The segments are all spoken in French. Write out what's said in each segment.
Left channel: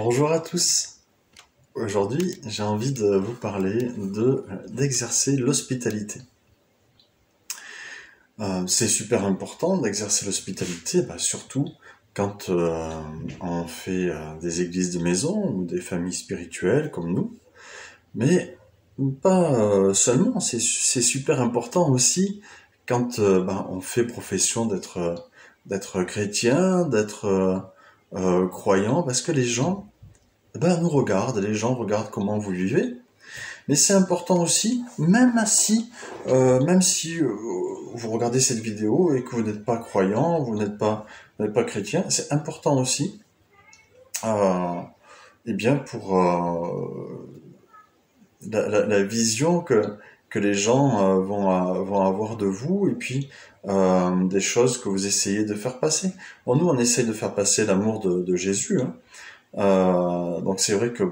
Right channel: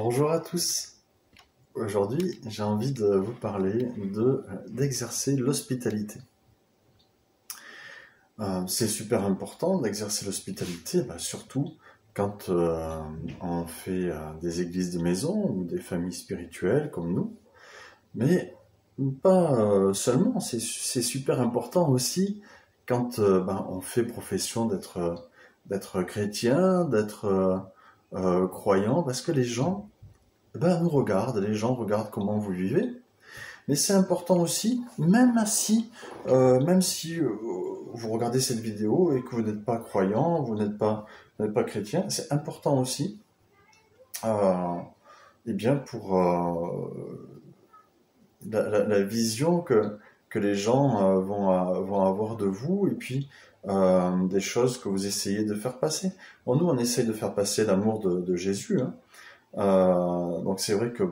Bonjour à tous. Aujourd'hui, j'ai envie de vous parler d'exercer l'hospitalité. C'est super important d'exercer l'hospitalité, surtout quand on fait des églises de maison ou des familles spirituelles comme nous. Mais pas seulement, c'est super important aussi quand on fait profession d'être chrétien, d'être croyant, parce que les gens nous regardent, les gens regardent comment vous vivez. Mais c'est important aussi, même si vous regardez cette vidéo et que vous n'êtes pas croyant, vous n'êtes pas chrétien, c'est important aussi, euh, pour la vision que les gens vont avoir de vous et puis des choses que vous essayez de faire passer. Bon, nous, on essaye de faire passer l'amour de Jésus, hein. Donc c'est vrai que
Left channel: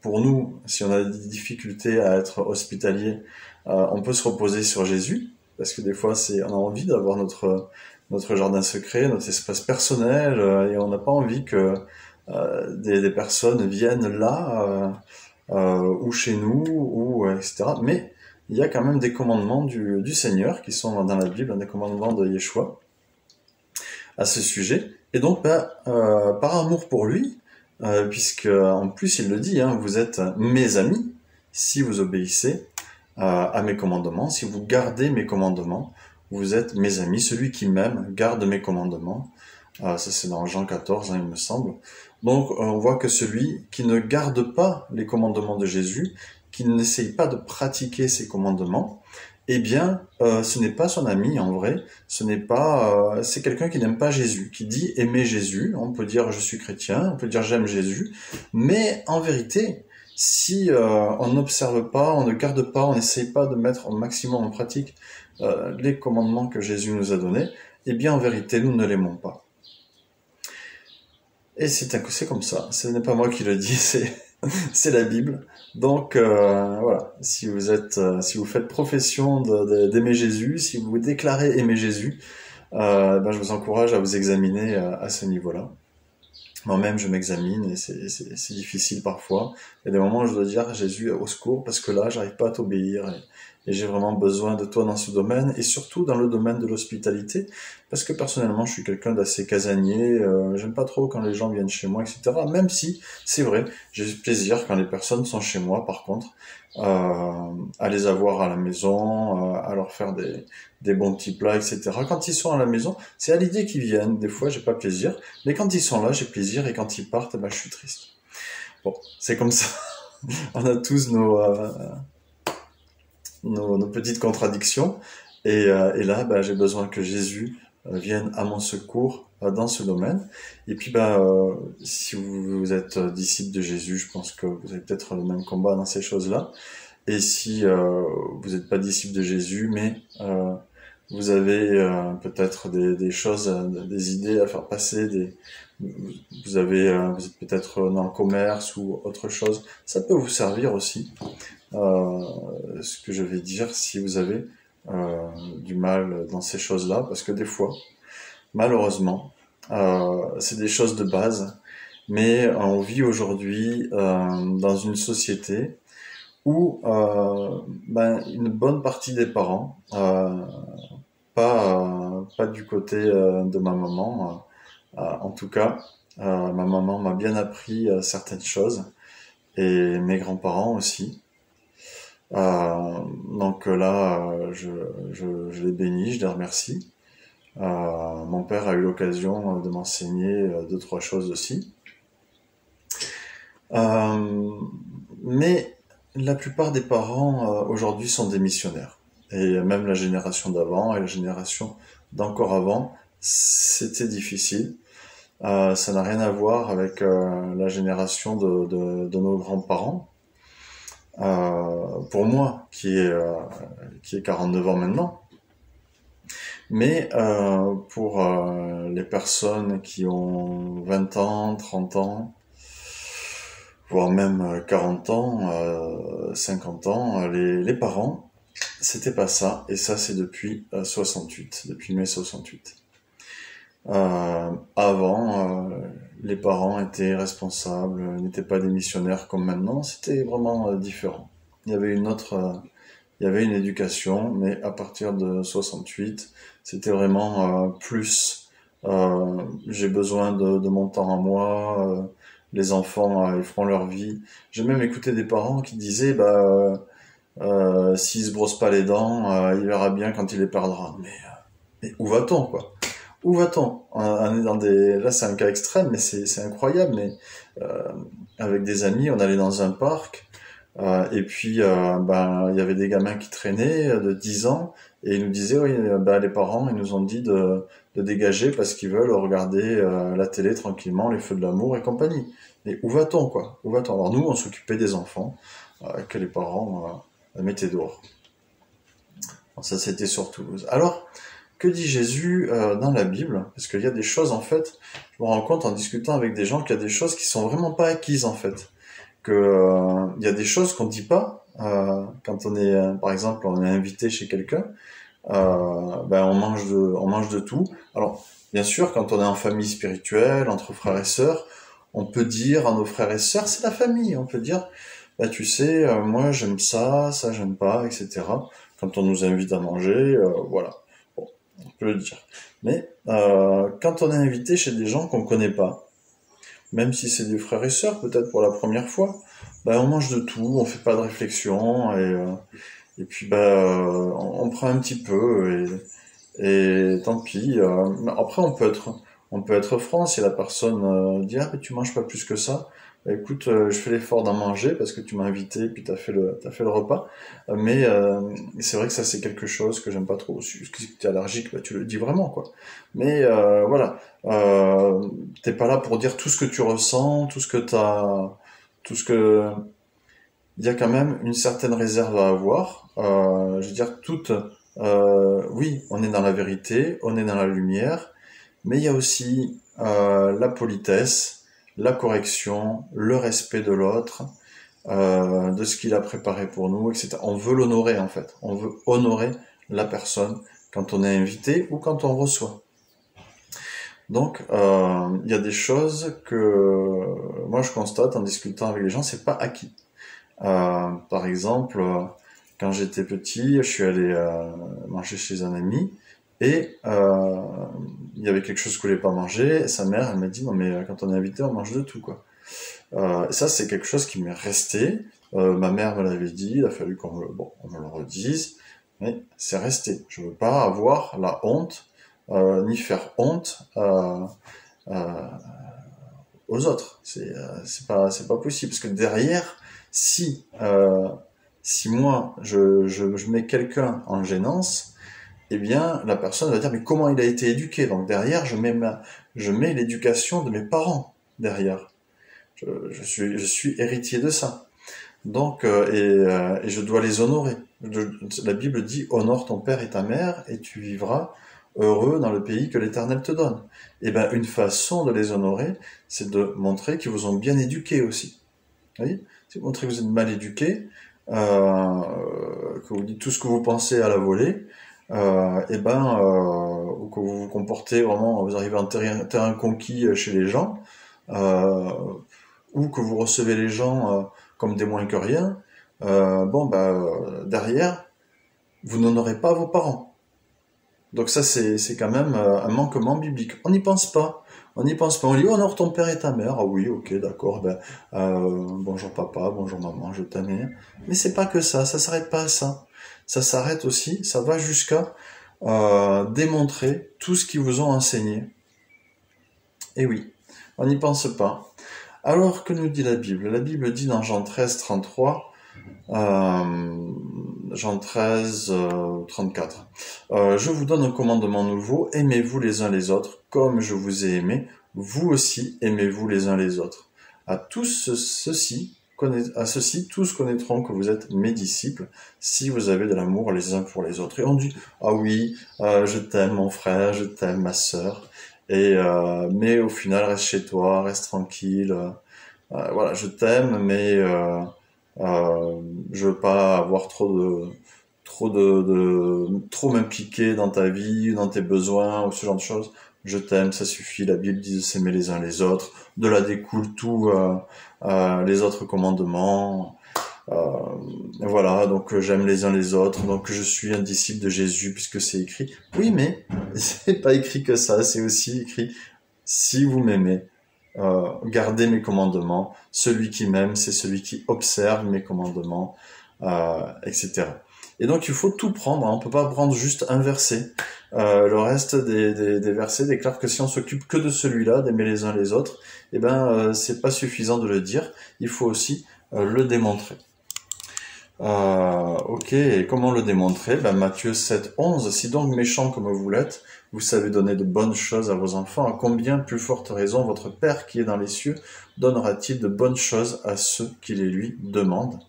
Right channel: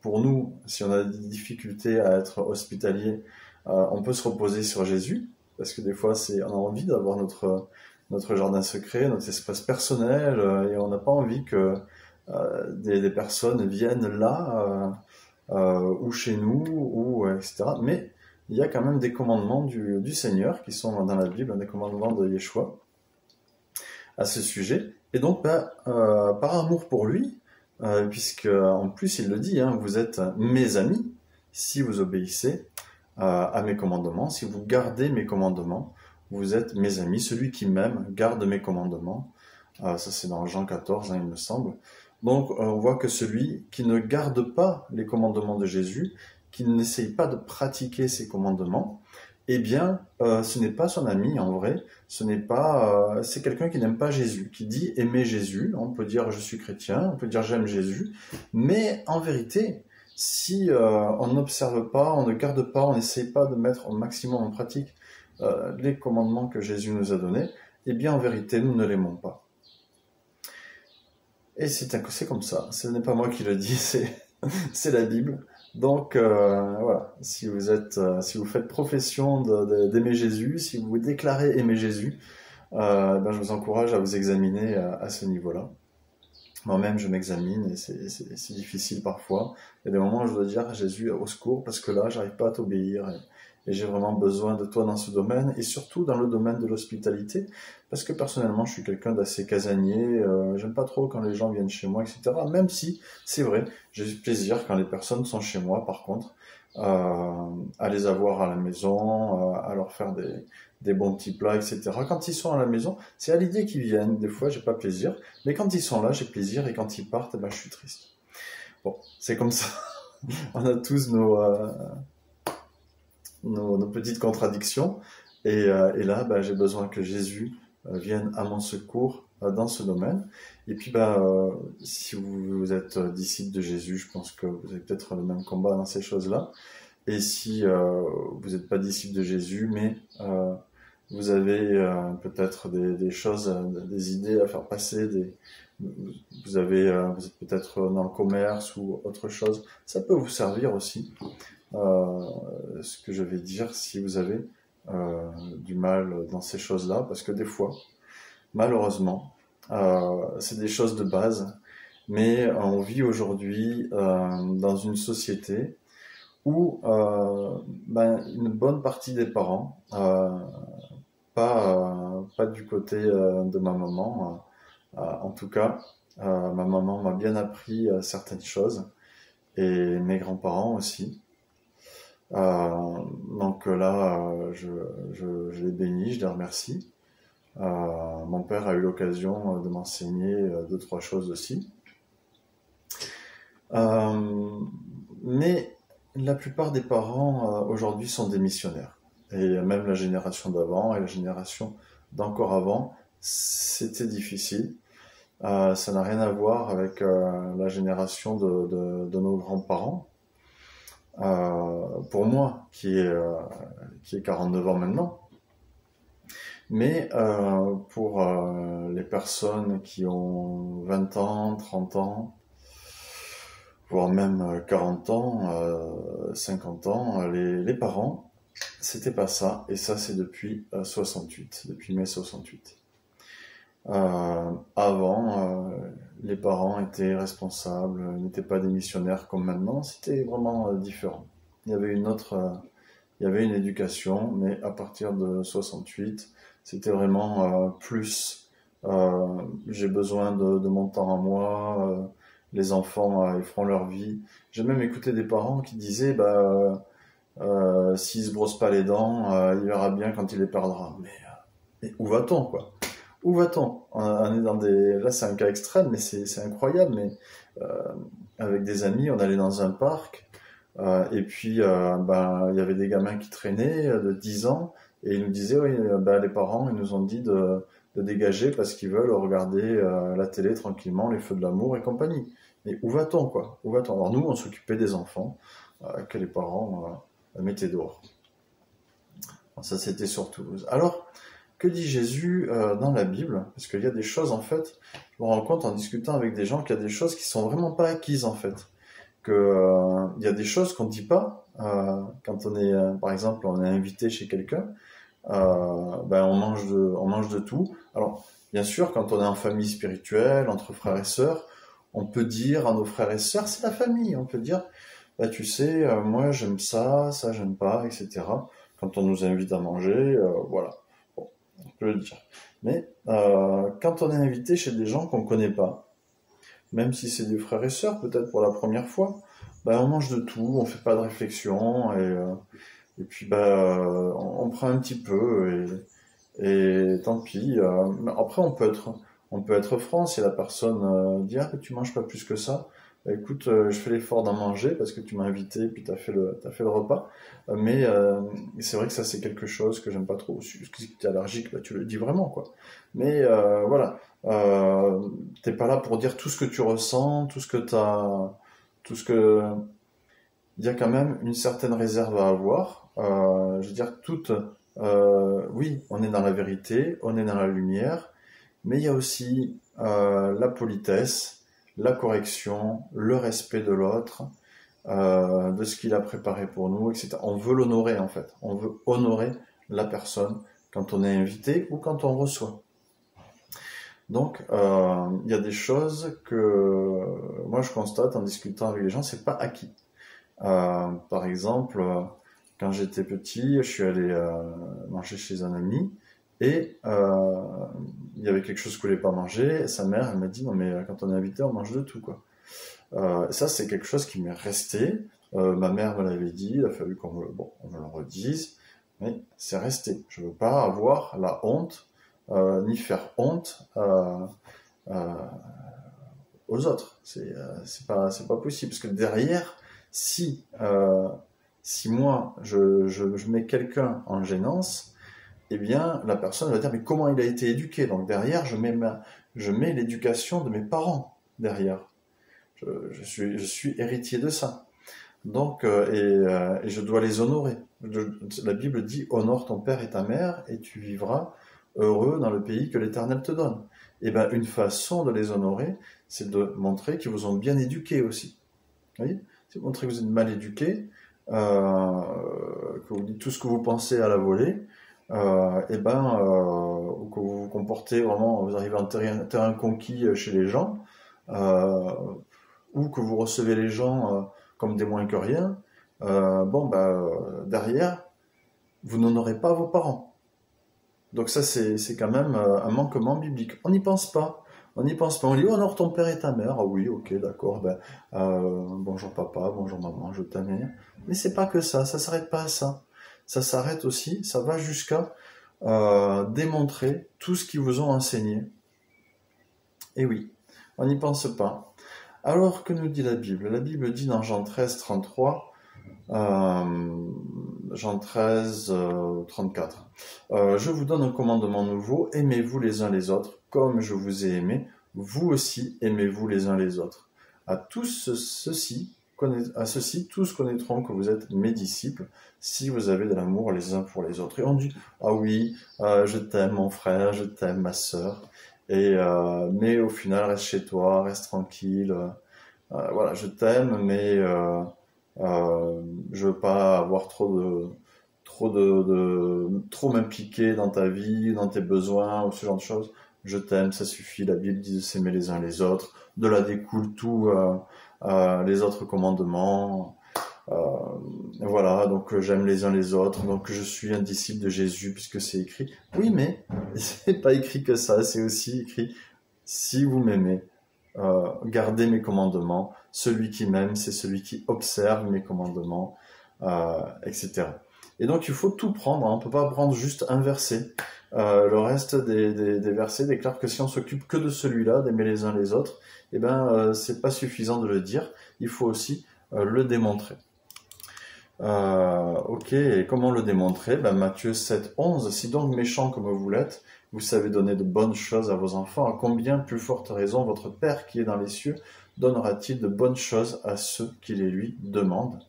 pour nous, si on a des difficultés à être hospitalier, on peut se reposer sur Jésus, parce que des fois, on a envie d'avoir notre jardin secret, notre espace personnel, et on n'a pas envie que des personnes viennent là, ou chez nous, ou etc. Mais il y a quand même des commandements du Seigneur qui sont dans la Bible, des commandements de Yeshua à ce sujet. Et donc, par amour pour lui, puisque en plus il le dit, hein, vous êtes mes amis si vous obéissez à mes commandements, si vous gardez mes commandements, vous êtes mes amis. Celui qui m'aime garde mes commandements. Ça c'est dans Jean 14, hein, il me semble. Donc on voit que celui qui ne garde pas les commandements de Jésus, qui n'essaye pas de pratiquer ses commandements, eh bien, ce n'est pas son ami en vrai, c'est quelqu'un qui n'aime pas Jésus, qui dit aimer Jésus. On peut dire je suis chrétien, on peut dire j'aime Jésus, mais en vérité, si on n'observe pas, on ne garde pas, on n'essaye pas de mettre au maximum en pratique les commandements que Jésus nous a donnés, eh bien en vérité, nous ne l'aimons pas. Et c'est comme ça, ce n'est pas moi qui le dis, c'est la Bible. Donc voilà, si vous faites profession d'aimer Jésus, si vous déclarez aimer Jésus, je vous encourage à vous examiner à ce niveau-là. Moi-même, je m'examine et c'est difficile parfois. Il y a des moments où je dois dire Jésus, au secours, parce que là, j'arrive pas à t'obéir et j'ai vraiment besoin de toi dans ce domaine et surtout dans le domaine de l'hospitalité, parce que personnellement, je suis quelqu'un d'assez casanier. J'aime pas trop quand les gens viennent chez moi, etc. Même si, c'est vrai, j'ai du plaisir quand les personnes sont chez moi, par contre, à les avoir à la maison, à leur faire des bons petits plats, etc. Quand ils sont à la maison, c'est à l'idée qu'ils viennent. Des fois, j'ai pas plaisir. Mais quand ils sont là, j'ai plaisir. Et quand ils partent, je suis triste. Bon, c'est comme ça. On a tous nos petites contradictions. Et là, j'ai besoin que Jésus vienne à mon secours dans ce domaine. Et puis, si vous êtes disciple de Jésus, je pense que vous avez peut-être le même combat dans ces choses-là. Et si vous n'êtes pas disciple de Jésus, mais vous avez peut-être des choses, des idées à faire passer, vous êtes peut-être dans le commerce ou autre chose, ça peut vous servir aussi. Ce que je vais dire si vous avez du mal dans ces choses-là, parce que des fois, malheureusement, c'est des choses de base, mais on vit aujourd'hui dans une société où une bonne partie des parents, pas du côté de ma maman, en tout cas, ma maman m'a bien appris certaines choses, et mes grands-parents aussi. Donc là, je les bénis, je les remercie. Mon père a eu l'occasion de m'enseigner deux, trois choses aussi. Mais la plupart des parents aujourd'hui sont des missionnaires. Et même la génération d'avant et la génération d'encore avant, c'était difficile. Ça n'a rien à voir avec la génération de nos grands-parents. Pour moi, qui est 49 ans maintenant. Mais pour les personnes qui ont 20 ans, 30 ans, voire même 40 ans, 50 ans, les parents, c'était pas ça. Et ça, c'est depuis 68, depuis mai 68. Avant, les parents étaient responsables, n'étaient pas des missionnaires comme maintenant, c'était vraiment différent. Il y avait il y avait une éducation, mais à partir de 68, c'était vraiment plus j'ai besoin de mon temps à moi, les enfants ils feront leur vie. J'ai même écouté des parents qui disaient s'il se brosse pas les dents, il verra bien quand il les perdra. Mais où va-t-on quoi? Où va-t-on? On est dans des là c'est un cas extrême, mais c'est incroyable. Mais euh, avec des amis, on allait dans un parc. Et puis, il y avait des gamins qui traînaient de 10 ans et ils nous disaient, oui, les parents, ils nous ont dit de dégager parce qu'ils veulent regarder la télé tranquillement, les feux de l'amour et compagnie. Mais où va-t-on, quoi? Où va-t-on? Alors nous, on s'occupait des enfants que les parents mettaient dehors. Alors, ça, c'était sur Toulouse. Alors, que dit Jésus dans la Bible? Parce qu'il y a des choses, en fait, je me rends compte en discutant avec des gens qu'il y a des choses qui sont vraiment pas acquises, en fait que il y a des choses qu'on dit pas quand on est par exemple on est invité chez quelqu'un on mange de tout. Alors bien sûr quand on est en famille spirituelle entre frères et sœurs on peut dire à nos frères et sœurs c'est la famille on peut dire bah tu sais moi j'aime ça ça j'aime pas etc. Quand on nous invite à manger voilà bon, on peut le dire mais quand on est invité chez des gens qu'on connaît pas même si c'est des frères et sœurs, peut-être pour la première fois, on mange de tout, on fait pas de réflexion, et puis on prend un petit peu, et tant pis. Mais après, on peut être franc si la personne dit ah mais tu manges pas plus que ça. Bah, écoute, je fais l'effort d'en manger parce que tu m'as invité et puis t'as fait le repas. C'est vrai que ça c'est quelque chose que j'aime pas trop. Si tu es allergique, bah, tu le dis vraiment quoi. Mais voilà, t'es pas là pour dire tout ce que tu ressens, tout ce que il y a quand même une certaine réserve à avoir. Je veux dire, oui, on est dans la vérité, on est dans la lumière, mais il y a aussi la politesse, la correction, le respect de l'autre, de ce qu'il a préparé pour nous, etc. On veut l'honorer en fait. On veut honorer la personne quand on est invité ou quand on reçoit. Donc, il y a des choses que moi je constate en discutant avec les gens, c'est pas acquis. Par exemple, quand j'étais petit, je suis allé manger chez un ami et il y avait quelque chose que je voulais pas manger. Et sa mère, elle m'a dit non mais quand on est invité, on mange de tout quoi. Ça c'est quelque chose qui m'est resté. Ma mère me l'avait dit, il a fallu on me le redise, mais c'est resté. Je veux pas avoir la honte ni faire honte euh, aux autres. C'est pas possible parce que derrière, si si moi je mets quelqu'un en gênance, eh bien la personne va dire mais comment il a été éduqué? Donc derrière je mets l'éducation de mes parents derrière. Je suis héritier de ça. Donc et je dois les honorer. La Bible dit honore ton père et ta mère et tu vivras heureux dans le pays que l'Éternel te donne. Et ben une façon de les honorer, c'est de montrer qu'ils vous ont bien éduqués aussi. Vous voyez? C'est de montrer que vous êtes mal éduqués, que vous dites tout ce que vous pensez à la volée, ou que vous vous comportez vraiment, vous arrivez en terrain conquis chez les gens, euh, ou que vous recevez les gens comme des moins que rien, derrière, vous n'honorez pas vos parents. Donc ça, c'est quand même un manquement biblique. On n'y pense pas. On n'y pense pas. On dit, honore ton père et ta mère. Ah oui, ok, d'accord. Bonjour papa, bonjour maman, je t'aime. Mais c'est pas que ça s'arrête pas à ça. Ça s'arrête aussi, ça va jusqu'à démontrer tout ce qu'ils vous ont enseigné. Et oui, on n'y pense pas. Alors que nous dit la Bible? La Bible dit dans Jean 13, 33, Jean 13, 34. Je vous donne un commandement nouveau, aimez-vous les uns les autres, comme je vous ai aimé, vous aussi aimez-vous les uns les autres. À ceci, tous connaîtront que vous êtes mes disciples, si vous avez de l'amour les uns pour les autres. Et on dit, ah oui, je t'aime mon frère, je t'aime ma sœur, mais au final, reste chez toi, reste tranquille, voilà, je t'aime, mais je veux pas avoir trop m'impliquer dans ta vie, dans tes besoins ou ce genre de choses. je t'aime, ça suffit, la Bible dit de s'aimer les uns les autres, de là découle tout les autres commandements. Euh, voilà, donc j'aime les uns les autres, donc je suis un disciple de Jésus puisque c'est écrit. Oui, mais c'est pas écrit que ça, c'est aussi écrit si vous m'aimez, gardez mes commandements. Celui qui m'aime, c'est celui qui observe mes commandements, etc. Et donc il faut tout prendre, hein. On ne peut pas prendre juste un verset. Le reste des versets déclare que si on s'occupe que de celui-là, d'aimer les uns les autres, eh ben c'est pas suffisant de le dire. Il faut aussi le démontrer. Ok, et comment le démontrer? Ben, Matthieu 7, 11. Si donc méchant comme vous l'êtes, vous savez donner de bonnes choses à vos enfants, à combien plus forte raison votre Père qui est dans les cieux donnera-t-il de bonnes choses à ceux qui les lui demandent?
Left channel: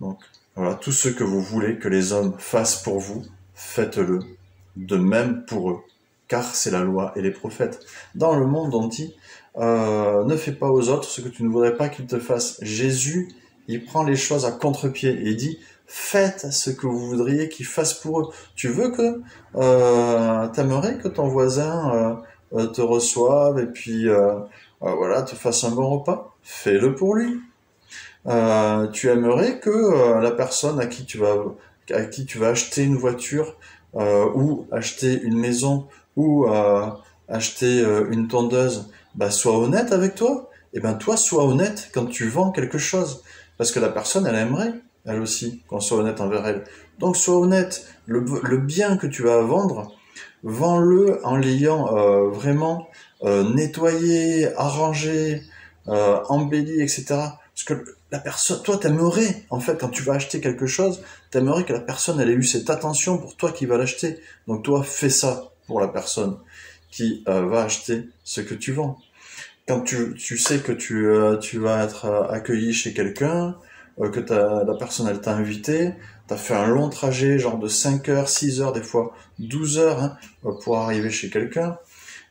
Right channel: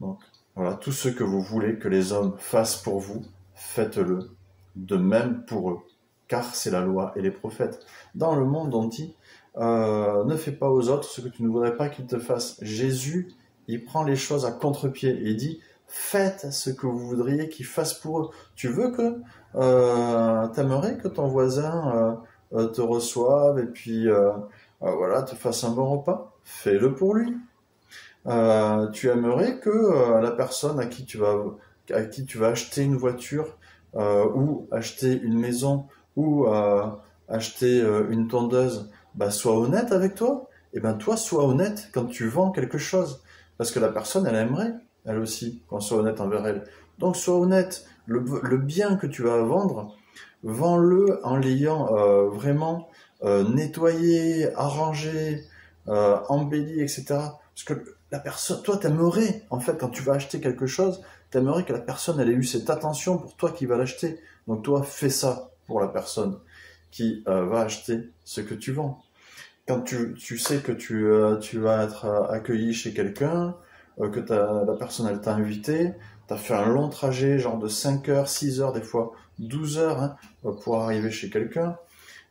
Donc voilà, tout ce que vous voulez que les hommes fassent pour vous, faites-le de même pour eux, car c'est la loi et les prophètes. Dans le monde, on dit, ne fais pas aux autres ce que tu ne voudrais pas qu'ils te fassent. Jésus, il prend les choses à contre-pied et il dit, faites ce que vous voudriez qu'ils fassent pour eux. Tu veux que, t'aimerais que ton voisin te reçoive et puis voilà, te fasse un bon repas? Fais-le pour lui. Tu aimerais que la personne à qui tu vas acheter une voiture ou acheter une maison ou acheter une tondeuse, bah, soit honnête avec toi. Et ben toi, sois honnête quand tu vends quelque chose. Parce que la personne, elle aimerait, elle aussi, qu'on soit honnête envers elle. Donc sois honnête. Le bien que tu vas vendre, vends-le en l'ayant vraiment nettoyé, arrangé, embelli, etc. Parce que la personne, toi, t'aimerais, en fait, quand tu vas acheter quelque chose, t'aimerais que la personne, elle ait eu cette attention pour toi qui va l'acheter. Donc toi, fais ça pour la personne qui va acheter ce que tu vends. Quand tu sais que tu vas être accueilli chez quelqu'un, que la personne, elle t'a invité, t'as fait un long trajet, genre de 5 heures, 6 heures, des fois 12 heures, hein, pour arriver chez quelqu'un.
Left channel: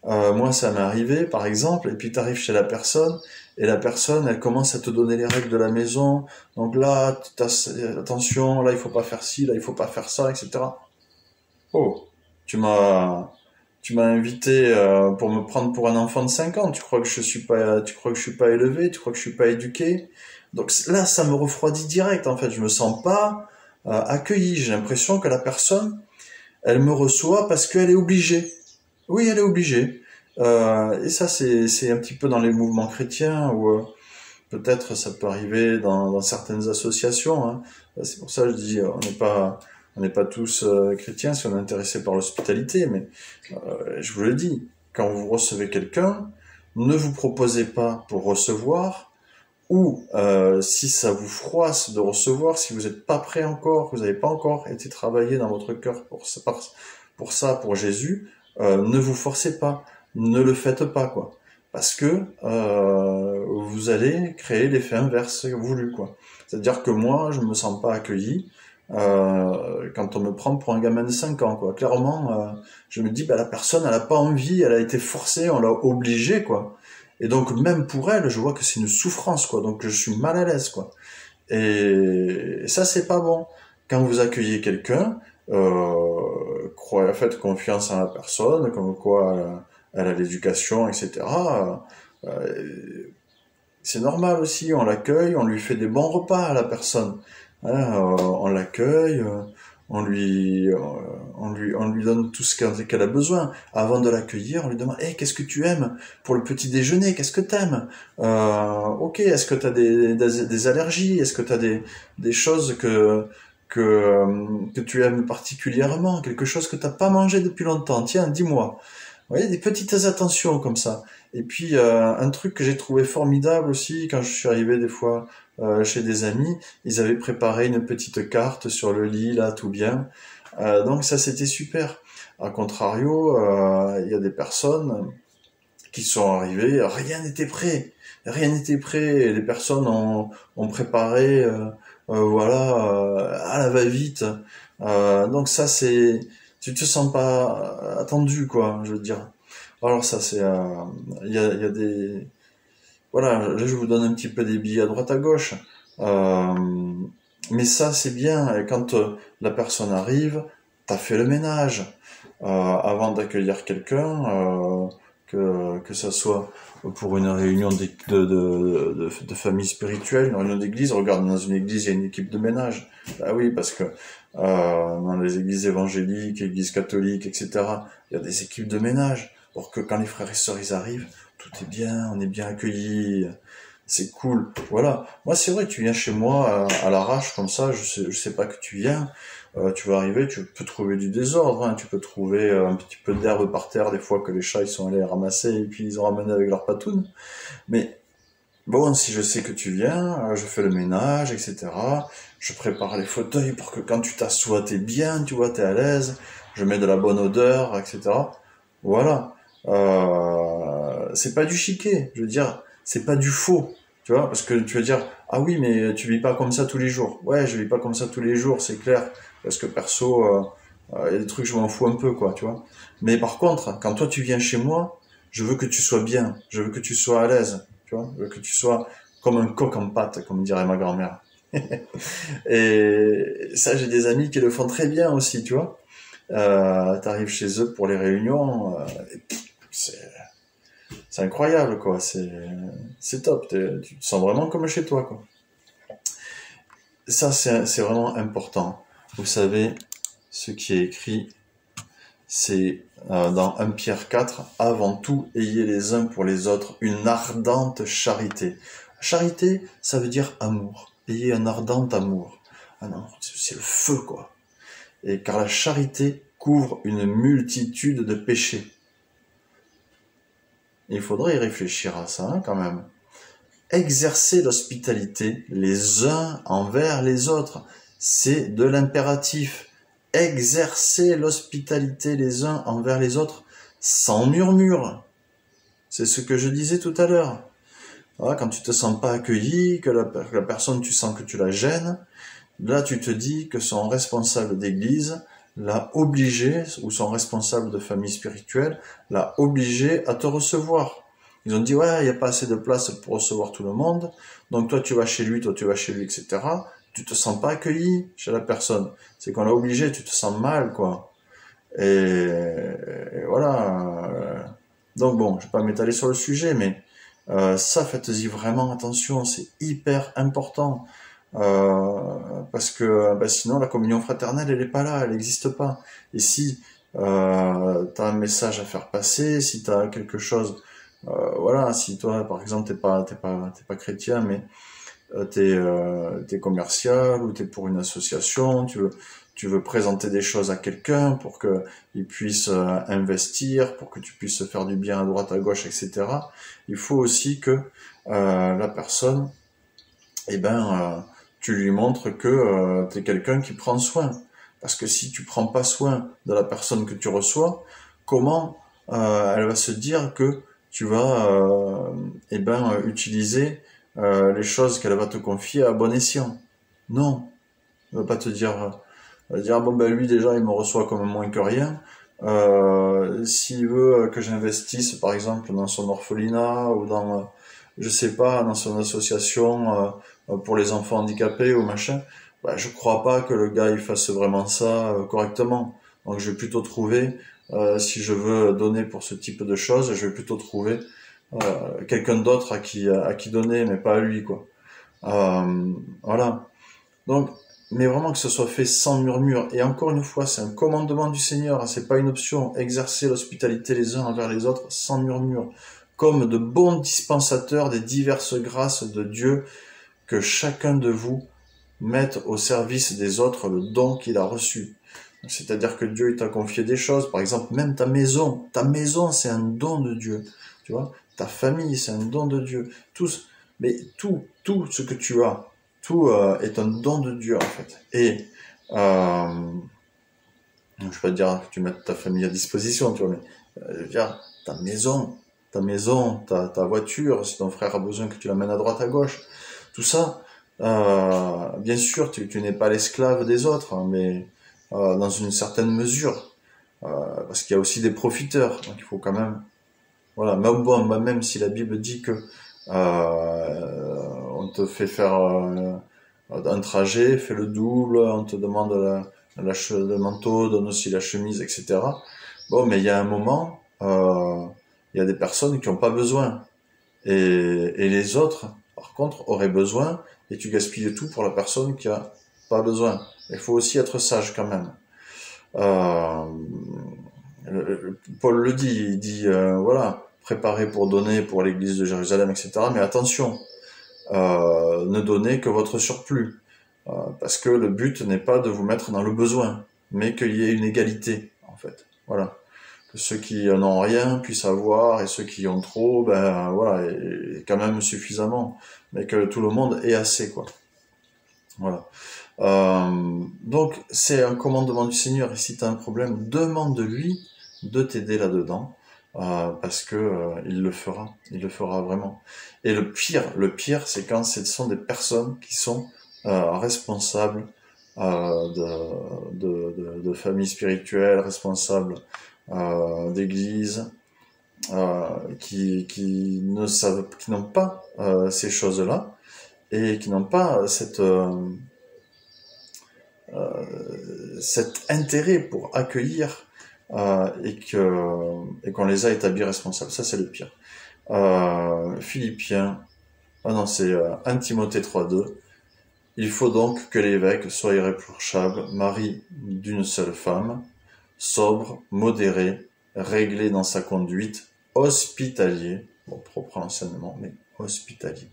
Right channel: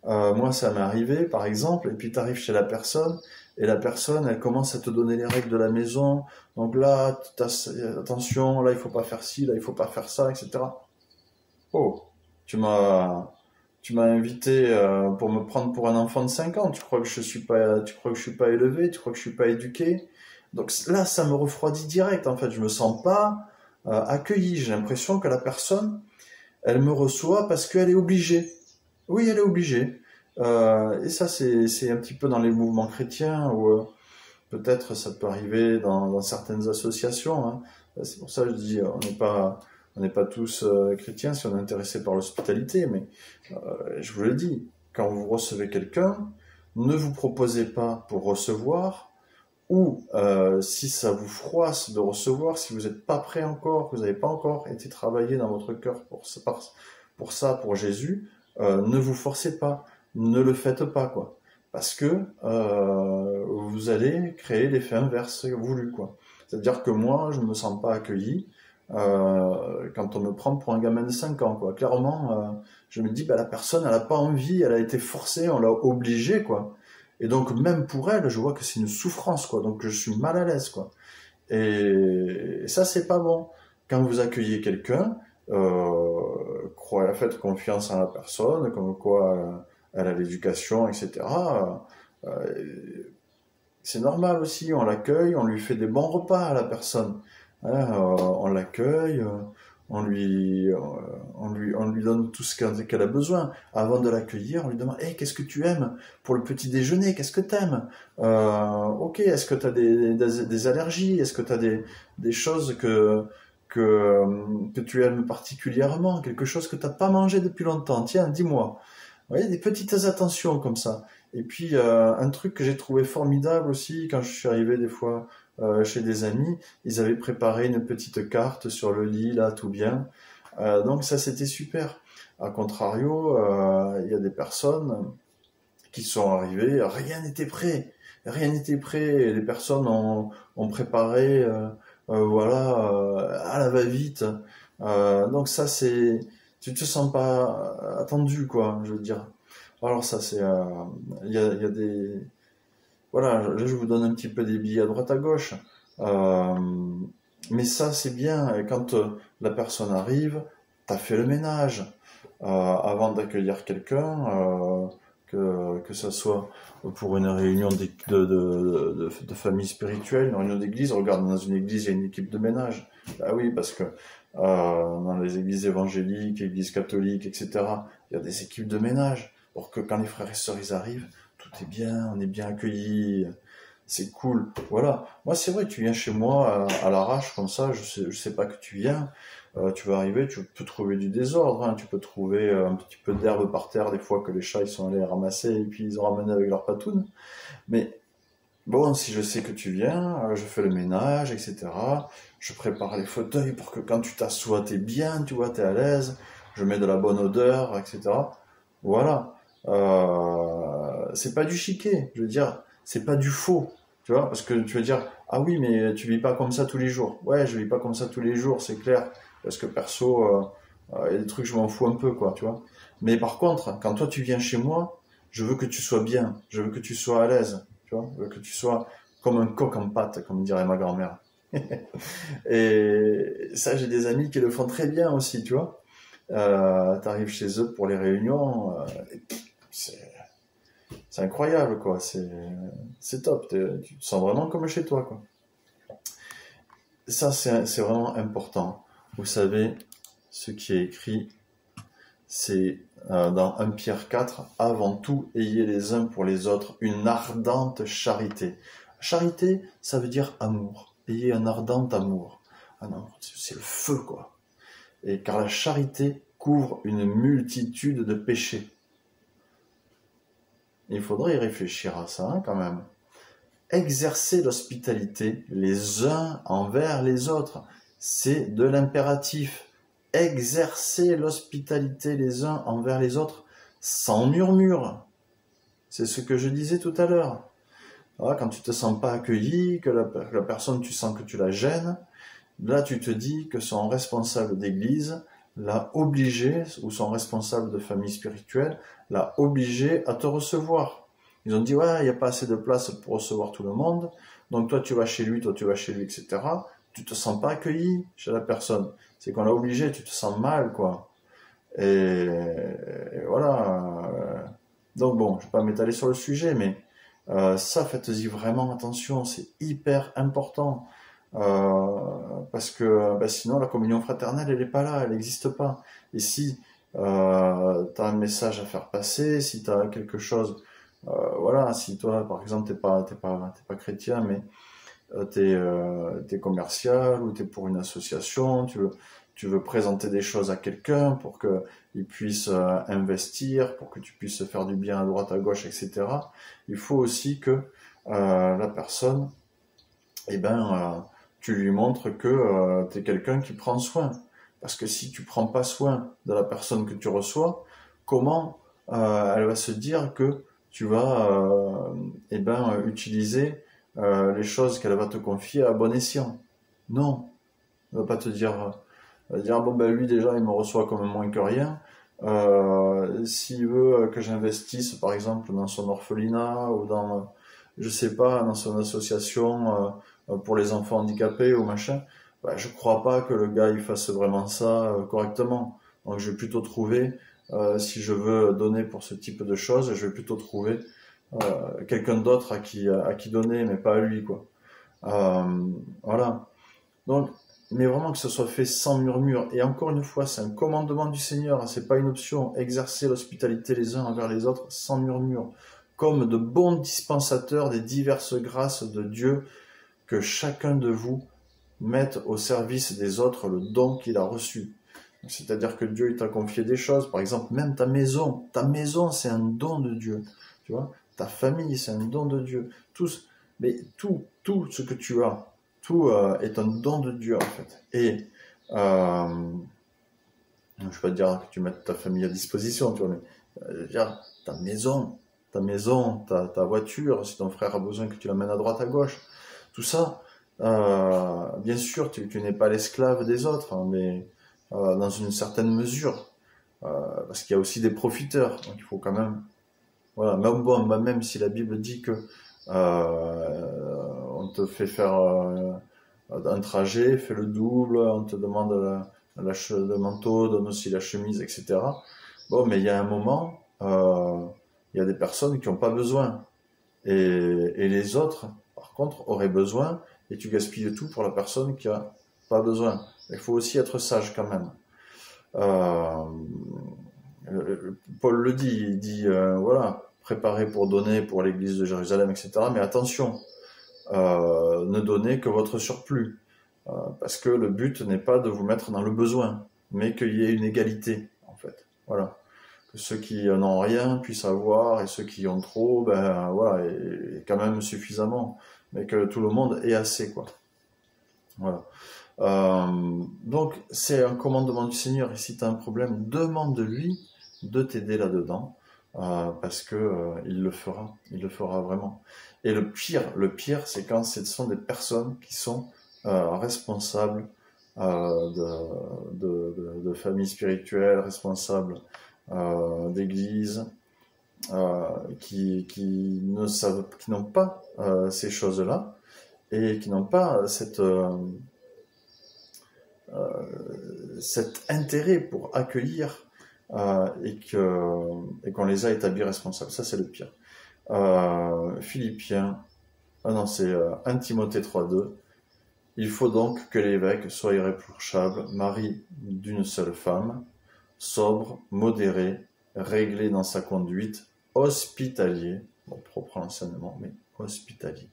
Moi, ça m'est arrivé, par exemple, et puis tu arrives chez la personne, et la personne, elle commence à te donner les règles de la maison. Donc là, attention, là, il faut pas faire ci, là, il faut pas faire ça, etc. Oh, tu m'as, tu m'as invité pour me prendre pour un enfant de 5 ans. Tu crois que je suis pas élevé, tu crois que je suis pas éduqué. Donc là, ça me refroidit direct, en fait. Je me sens pas accueilli. J'ai l'impression que la personne, elle me reçoit parce qu'elle est obligée. Oui, elle est obligée. Et ça, c'est un petit peu dans les mouvements chrétiens, ou peut-être ça peut arriver dans certaines associations, hein. C'est pour ça que je dis, on n'est pas tous chrétiens si on est intéressé par l'hospitalité, mais je vous le dis, quand vous recevez quelqu'un, ne vous proposez pas pour recevoir, ou si ça vous froisse de recevoir, si vous n'êtes pas prêt encore, que vous n'avez pas encore été travaillé dans votre cœur pour Jésus, ne vous forcez pas, ne le faites pas, quoi. Parce que vous allez créer l'effet inverse voulu, quoi. C'est-à-dire que moi, je me sens pas accueilli quand on me prend pour un gamin de 5 ans, quoi. Clairement, je me dis, bah, la personne, elle a pas envie, elle a été forcée, on l'a obligée, quoi. Et donc, même pour elle, je vois que c'est une souffrance, quoi. Donc, je suis mal à l'aise, quoi. Et ça, c'est pas bon. Quand vous accueillez quelqu'un, faites confiance en la personne, comme quoi elle a l'éducation, etc. C'est normal aussi, on l'accueille, on lui fait des bons repas à la personne. Hein, on l'accueille, on lui donne tout ce qu'elle a besoin. Avant de l'accueillir, on lui demande, hey, qu'est-ce que tu aimes pour le petit déjeuner? Qu'est-ce que t'aimes? Ok, est-ce que t'as des allergies? Est-ce que t'as des choses que tu aimes particulièrement? Quelque chose que t'as pas mangé depuis longtemps? Tiens, dis-moi. Vous voyez, des petites attentions comme ça. Et puis, un truc que j'ai trouvé formidable aussi, quand je suis arrivé des fois chez des amis, ils avaient préparé une petite carte sur le lit, là, tout bien. Donc ça, c'était super. A contrario, il y a des personnes qui sont arrivées, rien n'était prêt. Rien n'était prêt. Et les personnes ont préparé, voilà, à la va-vite. Donc ça, tu te sens pas attendu, quoi, je veux dire. Alors ça, il y a des, voilà, là je vous donne un petit peu des billets à droite à gauche. Euh, mais ça, c'est bien. Et quand la personne arrive, t'as fait le ménage. avant d'accueillir quelqu'un, que ça soit pour une réunion de famille spirituelle, une réunion d'église. Regarde, dans une église, il y a une équipe de ménage. Ah oui, parce que dans les églises évangéliques, églises catholiques, etc., il y a des équipes de ménage pour que quand les frères et sœurs ils arrivent, tout est bien, on est bien accueillis, c'est cool. Voilà. Moi, c'est vrai, tu viens chez moi à l'arrache comme ça, je sais pas que tu viens. Tu vas arriver, tu peux trouver du désordre, hein, tu peux trouver un petit peu d'herbe par terre, des fois que les chats ils sont allés ramasser et puis ils ont ramené avec leur patoune. Mais bon, si je sais que tu viens, je fais le ménage, etc. Je prépare les fauteuils pour que quand tu t'assois, t'es bien, tu vois, t'es à l'aise. Je mets de la bonne odeur, etc. Voilà. C'est pas du chiquet, je veux dire, c'est pas du faux, tu vois, parce que tu vas dire, ah oui, mais tu vis pas comme ça tous les jours. Ouais, je vis pas comme ça tous les jours, c'est clair, parce que perso, il y a des trucs, je m'en fous un peu, quoi, tu vois. Mais par contre, quand toi tu viens chez moi, je veux que tu sois bien, je veux que tu sois à l'aise, tu vois, je veux que tu sois comme un coq en pâte, comme dirait ma grand-mère. Et ça, j'ai des amis qui le font très bien aussi, tu vois. T'arrives chez eux pour les réunions, et c'est c'est incroyable, quoi. C'est top. Tu te sens vraiment comme chez toi, quoi. Ça, c'est vraiment important. Vous savez, ce qui est écrit, c'est dans 1 Pierre 4, avant tout, ayez les uns pour les autres une ardente charité. Charité, ça veut dire amour. Ayez un ardent amour. Ah non, c'est le feu, quoi. Et car la charité couvre une multitude de péchés. Il faudrait y réfléchir à ça, hein, quand même. Exercer l'hospitalité les uns envers les autres, c'est de l'impératif. Exercer l'hospitalité les uns envers les autres sans murmure. C'est ce que je disais tout à l'heure. Voilà, quand tu te sens pas accueilli, que la personne, tu sens que tu la gênes, là tu te dis que son responsable d'église l'a obligé, ou son responsable de famille spirituelle, l'a obligé à te recevoir. Ils ont dit, ouais, il n'y a pas assez de place pour recevoir tout le monde, donc toi tu vas chez lui, etc. Tu te sens pas accueilli chez la personne. C'est qu'on l'a obligé, tu te sens mal, quoi. Et voilà. Donc bon, je vais pas m'étaler sur le sujet, mais ça, faites-y vraiment attention, c'est hyper important. Euh, Parce que bah, sinon la communion fraternelle elle est pas là, elle n'existe pas. Et si tu as un message à faire passer, si tu as quelque chose, voilà, si toi par exemple t'es pas chrétien, mais t'es commercial ou t'es pour une association, tu veux présenter des choses à quelqu'un pour que il puisse investir, pour que tu puisses faire du bien à droite à gauche, etc. Il faut aussi que la personne eh ben, tu lui montres que tu es quelqu'un qui prend soin. Parce que si tu prends pas soin de la personne que tu reçois, comment elle va se dire que tu vas eh ben, utiliser les choses qu'elle va te confier à bon escient? Non, elle va pas te dire, elle va dire ah bon ben lui déjà il me reçoit comme moins que rien. S'il veut que j'investisse par exemple dans son orphelinat ou dans je sais pas, dans son association pour les enfants handicapés ou machin, bah, je crois pas que le gars il fasse vraiment ça correctement. Donc je vais plutôt trouver, si je veux donner pour ce type de choses, je vais plutôt trouver quelqu'un d'autre à qui donner, mais pas à lui, quoi. Voilà. Donc, mais vraiment que ce soit fait sans murmure. Et encore une fois, c'est un commandement du Seigneur, hein, c'est pas une option. Exercer l'hospitalité les uns envers les autres sans murmure, comme de bons dispensateurs des diverses grâces de Dieu, que chacun de vous mette au service des autres le don qu'il a reçu. C'est-à-dire que Dieu il t'a confié des choses, par exemple même ta maison c'est un don de Dieu, tu vois, ta famille c'est un don de Dieu, mais tout ce que tu as, tout est un don de Dieu en fait. Et je ne vais pas te dire que tu mettes ta famille à disposition, tu vois, mais je veux dire, ta voiture, si ton frère a besoin que tu l'amènes à droite à gauche, tout ça, bien sûr, tu n'es pas l'esclave des autres, hein, mais dans une certaine mesure, parce qu'il y a aussi des profiteurs, donc il faut quand même, voilà, même bon, même si la Bible dit que on te fait faire un trajet, fais le double, on te demande le manteau, donne aussi la chemise, etc. Bon, mais il y a un moment, il y a des personnes qui n'ont pas besoin. Et les autres, par contre, auraient besoin, et tu gaspilles tout pour la personne qui a pas besoin. Il faut aussi être sage quand même. Euh, Paul le dit, il dit, voilà, préparez pour donner pour l'église de Jérusalem, etc. Mais attention, ne donnez que votre surplus. Parce que le but n'est pas de vous mettre dans le besoin, mais qu'il y ait une égalité, en fait. Voilà. Que ceux qui n'ont rien puissent avoir, et ceux qui ont trop, ben voilà, et quand même suffisamment. Mais que tout le monde ait assez, quoi. Voilà. Donc, c'est un commandement du Seigneur. Et si tu as un problème, demande-lui de t'aider là-dedans. Parce que il le fera vraiment. Et le pire, c'est quand ce sont des personnes qui sont responsables de familles spirituelles, responsables d'églises, qui n'ont pas ces choses-là et qui n'ont pas cet intérêt pour accueillir et qu'on les a établis responsables. Ça, c'est le pire. Philippiens, ah non, c'est 1 Timothée 3,2. Il faut donc que l'évêque soit irréprochable, mari d'une seule femme, sobre, modéré, réglé dans sa conduite, hospitalier, bon, propre enseignement, mais hospitalier.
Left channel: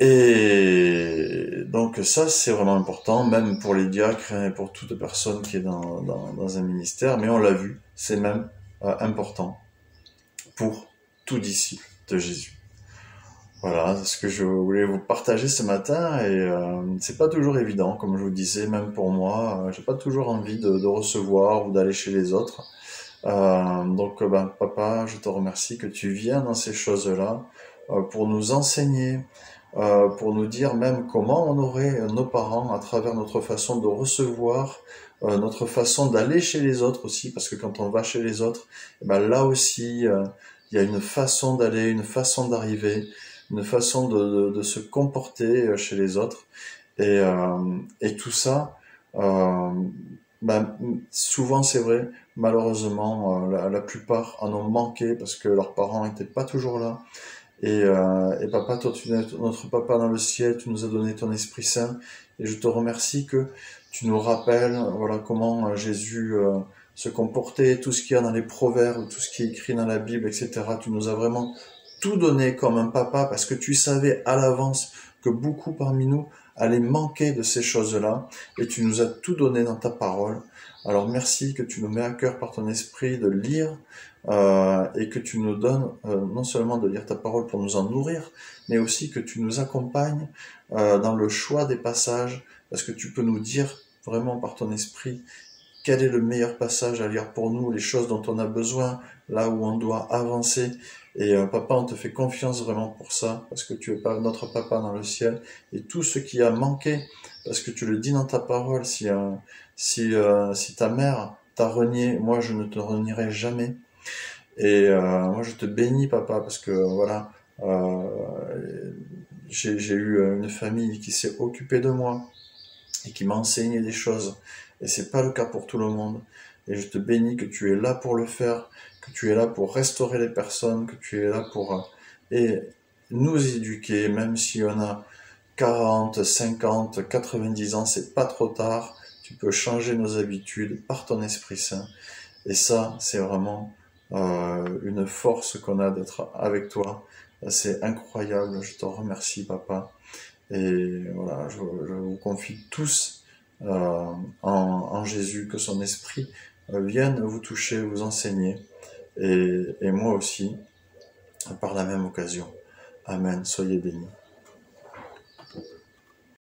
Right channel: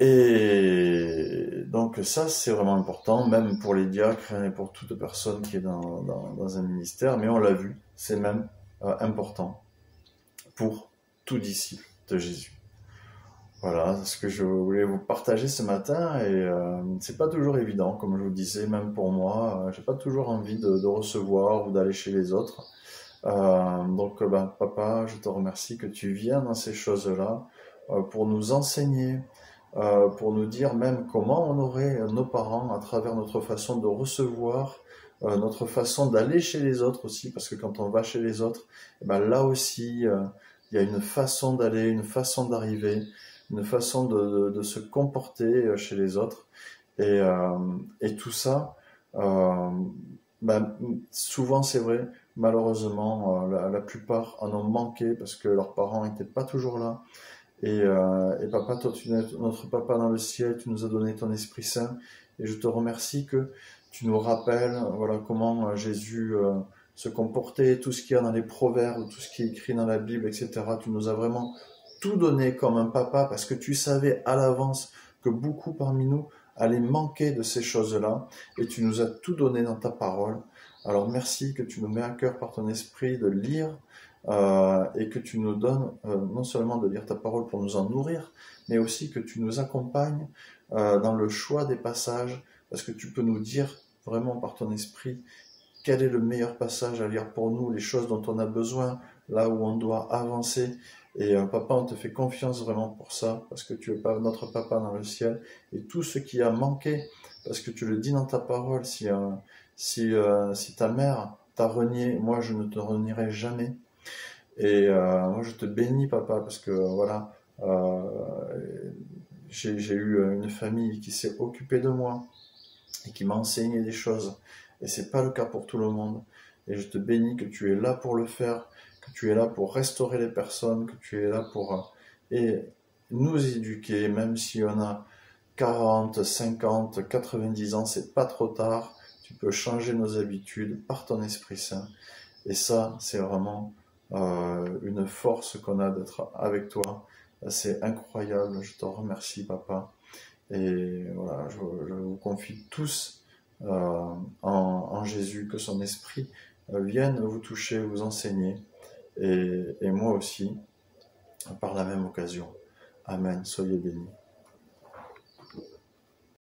Et donc ça, c'est vraiment important, même pour les diacres et pour toute personne qui est dans un ministère, mais on l'a vu, c'est même important pour tout disciple de Jésus. Voilà, c'est ce que je voulais vous partager ce matin et c'est pas toujours évident, comme je vous disais, même pour moi, j'ai pas toujours envie de recevoir ou d'aller chez les autres. Donc, ben, papa, je te remercie que tu viens dans ces choses-là pour nous enseigner, pour nous dire même comment on aurait nos parents à travers notre façon de recevoir, notre façon d'aller chez les autres aussi, parce que quand on va chez les autres, eh ben là aussi, il y a une façon d'aller, une façon d'arriver, une façon de se comporter chez les autres. Et tout ça, ben, souvent c'est vrai, malheureusement, la plupart en ont manqué parce que leurs parents n'étaient pas toujours là. Et papa, toi, tu es notre papa dans le ciel, tu nous as donné ton Esprit Saint, et je te remercie que tu nous rappelles, voilà, comment Jésus se comportait, tout ce qu'il y a dans les proverbes, tout ce qui est écrit dans la Bible, etc. Tu nous as vraiment tout donné comme un papa, parce que tu savais à l'avance que beaucoup parmi nous allaient manquer de ces choses-là, et tu nous as tout donné dans ta parole. Alors merci que tu nous mets à cœur par ton esprit de lire et que tu nous donnes non seulement de lire ta parole pour nous en nourrir, mais aussi que tu nous accompagnes dans le choix des passages, parce que tu peux nous dire vraiment par ton esprit quel est le meilleur passage à lire pour nous, les choses dont on a besoin, là où on doit avancer. Et papa, on te fait confiance vraiment pour ça, parce que tu es pas notre papa dans le ciel, et tout ce qui a manqué, parce que tu le dis dans ta parole, si ta mère t'a renié, moi je ne te renierai jamais. Et moi, je te bénis, papa, parce que voilà, euh, j'ai eu une famille qui s'est occupée de moi et qui m'a enseigné des choses. Et c'est pas le cas pour tout le monde. Et je te bénis que tu es là pour le faire, que tu es là pour restaurer les personnes, que tu es là pour et nous éduquer, même si on a 40, 50, 90 ans, c'est pas trop tard. Tu peux changer nos habitudes par ton Esprit Saint. Et ça, c'est vraiment une force qu'on a d'être avec toi. C'est incroyable. Je te remercie, papa. Et voilà, je vous confie tous en Jésus, que son esprit vienne vous toucher, vous enseigner. Et moi aussi, par la même occasion. Amen. Soyez bénis.